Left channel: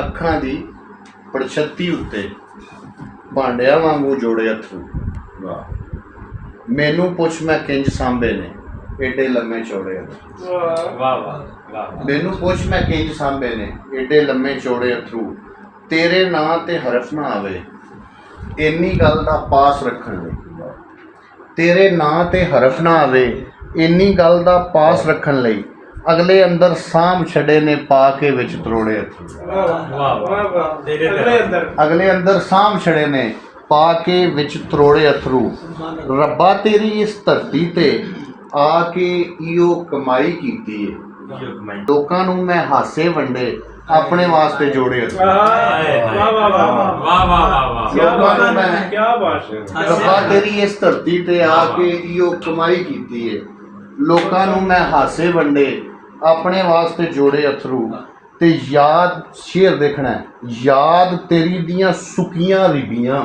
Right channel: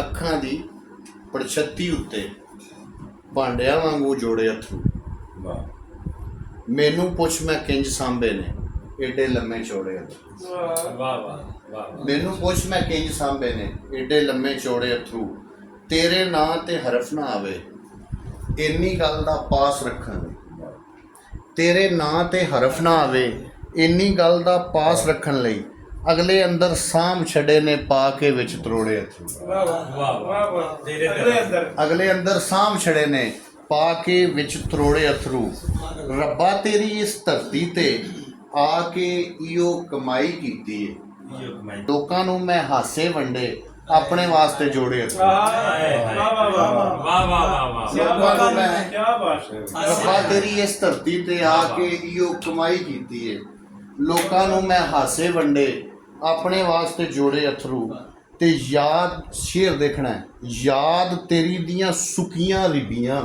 ਅੱਖਾਂ ਦੀ ਪੜਛੱਤੀ ਉੱਤੇ ਭਾਂਡਿਆਂ ਵਾਂਗੂ ਜੋੜੇ ਅਥਰੂ। ਵਾਹ ਮੈਨੂੰ ਪੁੱਛ ਮੈਂ ਕਿੰਜ ਸਾਂਭੇ ਨੇ ਏਡੇ ਲੰਮੇ ਚੌੜੇ ਅਥਰੂ। ਵਾਹ ਵਾਹ ਵਾਹ। ਮੈਨੂੰ ਪੁੱਛ ਮੈਂ ਕਿੰਜ ਸਾਂਭੇ ਨੇ ਏਡੇ ਲੰਮੇ ਚੌੜੇ ਅਥਰੂ। ਤੇਰੇ ਨਾਂ ਤੇ ਹਰਫ ਨਾ ਆਵੇ ਇੰਨੀ ਗੱਲ ਦਾ ਪਾਸ ਰੱਖਣ ਲਈ। ਤੇਰੇ ਨਾਂ ਤੇ ਹਰਫ ਨਾ ਆਵੇ ਇੰਨੀ ਗੱਲ ਦਾ ਪਾਸ ਰੱਖਣ ਲਈ ਅਗਲੇ ਅੰਦਰ ਸਾਂਭ ਛੱਡੇ ਨੇ ਪਾ ਕੇ ਵਿੱਚ ਤਰੋੜੇ ਅਥਰੂ। ਵਾਹ ਵਾਹ ਵਾਹ। ਤੇਰੇ ਅੰਦਰ ਅਗਲੇ ਅੰਦਰ ਸਾਂਭ ਛੜੇ ਨੇ ਪਾ ਕੇ ਵਿੱਚ ਤਰੋੜੇ ਅਥਰੂ। ਰੱਬਾ ਤੇਰੀ ਇਸ ਧਰਤੀ ਤੇ ਆ ਕੇ ਈਓ ਕਮਾਈ ਕੀਤੀ ਏ। ਲੋਕਾਂ ਨੂੰ ਮੈਂ ਹਾਸੇ ਵੰਡੇ ਆਪਣੇ ਵਾਸਤੇ ਜੋੜੇ ਅਥਰੂ। ਵਾਹ ਵਾਹ ਵਾਹ ਵਾਹ ਵਾਹ। ਲੋਕਾਂ ਨੂੰ ਮੈਂ ਕੀ ਬਾਤ ਹੈ। ਰੱਬਾ ਤੇਰੀ ਇਸ ਧਰਤੀ ਤੇ ਆ ਕੇ ਈਓ ਕਮਾਈ ਕੀਤੀ ਏ। ਲੋਕਾਂ ਨੂੰ ਮੈਂ ਹਾਸੇ ਵੰਡੇ ਆਪਣੇ ਵਾਸਤੇ ਜੋੜੇ ਅਥਰੂ। ਤੇ ਯਾਦ ਸ਼ੇਰ ਦੇਖਣਾ ਹੈ, ਯਾਦ ਤੇਰੀ ਦੀਆਂ ਸੁੱਕੀਆਂ ਰਿਬੀਆਂ।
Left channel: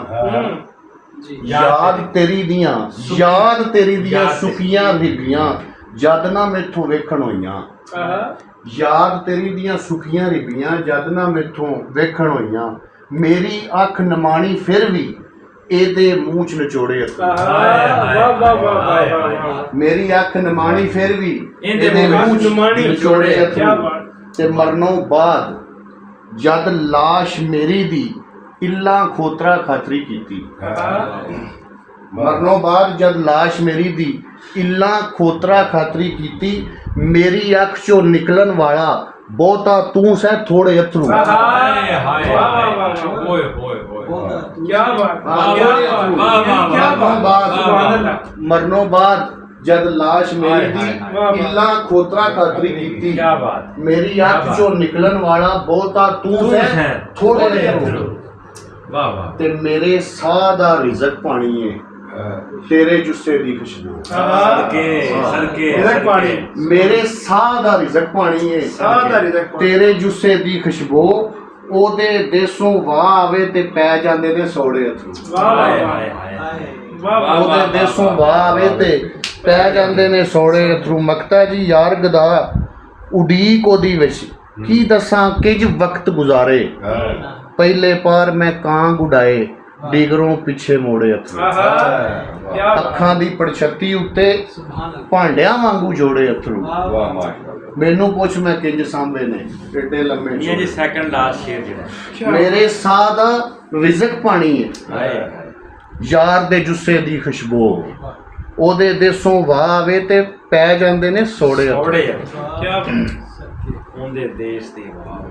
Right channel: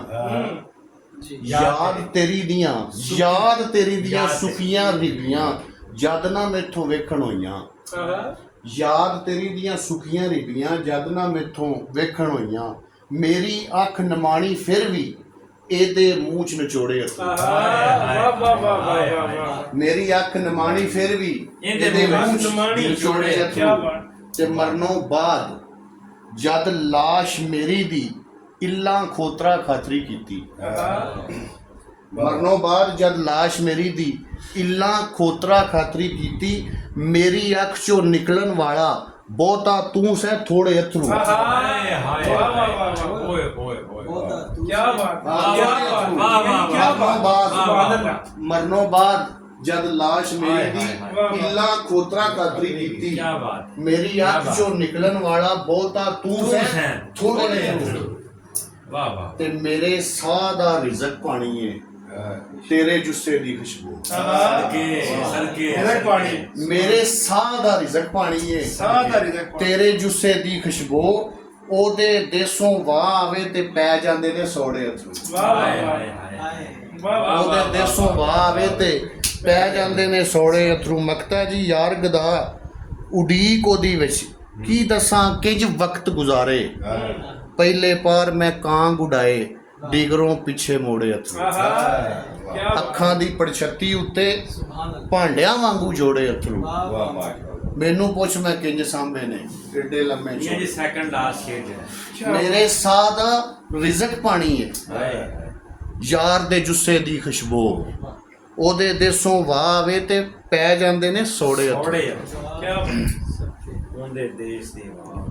ਯਾਦ ਤੇਰੀ ਦੀਆਂ ਸੁੱਕੀਆਂ ਰਿਬੀਆਂ ਜਦ ਨਾ ਮੈਥੋਂ ਵੇਖਣ ਹੋਈਆਂ। ਯਾਦ ਤੇਰੀ ਦੀਆਂ ਸੁੱਕੀਆਂ ਰਿਬੀਆਂ ਜਦ ਨਾ ਮੈਥੋਂ ਵੇਖਣ ਹੋਈਆਂ। ਮੇਰੀ ਅੱਖ ਨਮਾਣੀ ਫਿਰ ਵੀ ਇਹਦੇ ਮੂੰਹ 'ਚ ਨਿਚੋੜੇ ਅਥਰੂ। ਵਾਹ ਵਾਹ ਵਾਹ। ਮੇਰੀ ਅੱਖ ਨਮਾਣੀ ਫਿਰ ਵੀ ਇਹਦੇ ਮੂੰਹ 'ਚ ਨਿਚੋੜੇ ਅਥਰੂ। ਤੇ ਮਰਨੋਂ ਬਾਅਦ ਜਦ ਲਾਸ਼ ਮੇਰੀ ਦੀ ਇੱਲਾਂ ਖੋਤਰਾ ਖਾਤਰੀ ਕੀਤੀ। ਮਰਨੋਂ ਬਾਅਦ ਜਦ ਲਾਸ਼ ਮੇਰੀ ਦੀ ਇੱਲਾਂ ਖੋਤਰਾ ਖਾਤਰੀ ਕੀਤੀ। ਮੇਰੀ ਅੱਖ 'ਚੋਂ ਨਿਕਲਣ ਵਾਲਾ ਬਹੁਤਾ ਤੂੰ ਸਹਿ ਥੋੜੇ ਅਥਰੂ। ਹਾਏ ਹਾਏ ਵਾਹ ਵਾਹ ਓਏ ਹੋਏ ਹੋਏ ਕੀ ਬਾਤ। ਮਰਨੋਂ ਬਾਅਦ ਜਦ ਲਾਸ਼ ਮੇਰੀ ਦੀ ਇੱਲਾਂ ਖੋਤਰਾ ਖਾਤਰੀ ਕੀਤੀ। ਮੇਰੀ ਅੱਖ 'ਚੋਂ ਨਿਕਲਣ ਵਾਲਾ ਬਹੁਤਾ ਤੂੰ ਸਹਿ ਥੋੜੇ ਅਥਰੂ। ਵਾਹ ਵਾਹ। ਤੇ ਮੇਰੇ ਸਾਹ ਦਾ ਰਿਜ਼ਕ ਪਾਣੀ ਏ ਤੇਰੇ ਜੁੱਸੇ ਦੀ ਖੁਸ਼ਬੂ। ਸਦਕੇ ਪਾਣੀ ਮੇਰੇ ਸਾਹ ਦਾ ਰਿਜ਼ਕ ਪਾਣੀ ਏ ਤੇਰੇ ਜੁੱਸੇ ਦੀ ਖੁਸ਼ਬੂ। ਉਹਦੇ ਦੇਸੋਂ ਵਾਹ ਆਵੇ ਤੇ ਪੈ ਜਾਂਦੇ ਨੇ ਸੌੜੇ ਅਥਰੂ। ਉਹਦੇ ਦੇਸੋਂ ਵਾਹ ਆਵੇ ਤੇ ਪੈ ਜਾਂਦੇ ਨੇ ਸੌੜੇ ਅਥਰੂ। ਮਕਤਾ ਜੀ ਯਾਰ ਗਦਾ ਉਡੀਕ ਉਹਦੀ ਵਿੱਚ ਕੀ ਦੱਸਾਂ ਕਿੰਜ ਵਕਤ ਗੁਜ਼ਾਰੇ। ਪਹਿਲੇ ਪਾਰ ਮੈਂ ਕਾਂ ਗੁਡਾਏ ਡਿਗਰੋਂ ਪਿੱਛੇ ਮੋੜੇ ਅਥਰੂ। ਅੱਖਾਂ ਦੀ ਪੜਛੱਤੀ ਉੱਤੇ ਭਾਂਡਿਆਂ ਵਾਂਗੂ ਜੋੜੇ ਅਥਰੂ। ਮੈਨੂੰ ਪੁੱਛ ਮੈਂ ਕਿੰਜ ਸਾਂਭੇ ਨੇ ਏਡੇ ਲੰਮੇ ਇਹ ਜੀ ਸੈਕੰਡ ਲਾਸਟ ਸ਼ੇਰ ਜਿਹੜਾ ਮੇਰੇ ਸਾਹ ਦਾ ਰਿਜ਼ਕ ਪਾਣੀ ਹੈ ਯਾਰ ਦੇ ਜੁੱਸੇ ਦੀ ਖੁਸ਼ਬੂ। ਉਹਦੇ ਦੇਸੋਂ ਵਾਹ ਆਵੇ ਤੇ ਪੈ ਜਾਂਦੇ ਨੇ ਸੋੜੇ ਕੀ ਉਹਦੇ ਦੇਸ਼ ਦੀ ਵਾਹ।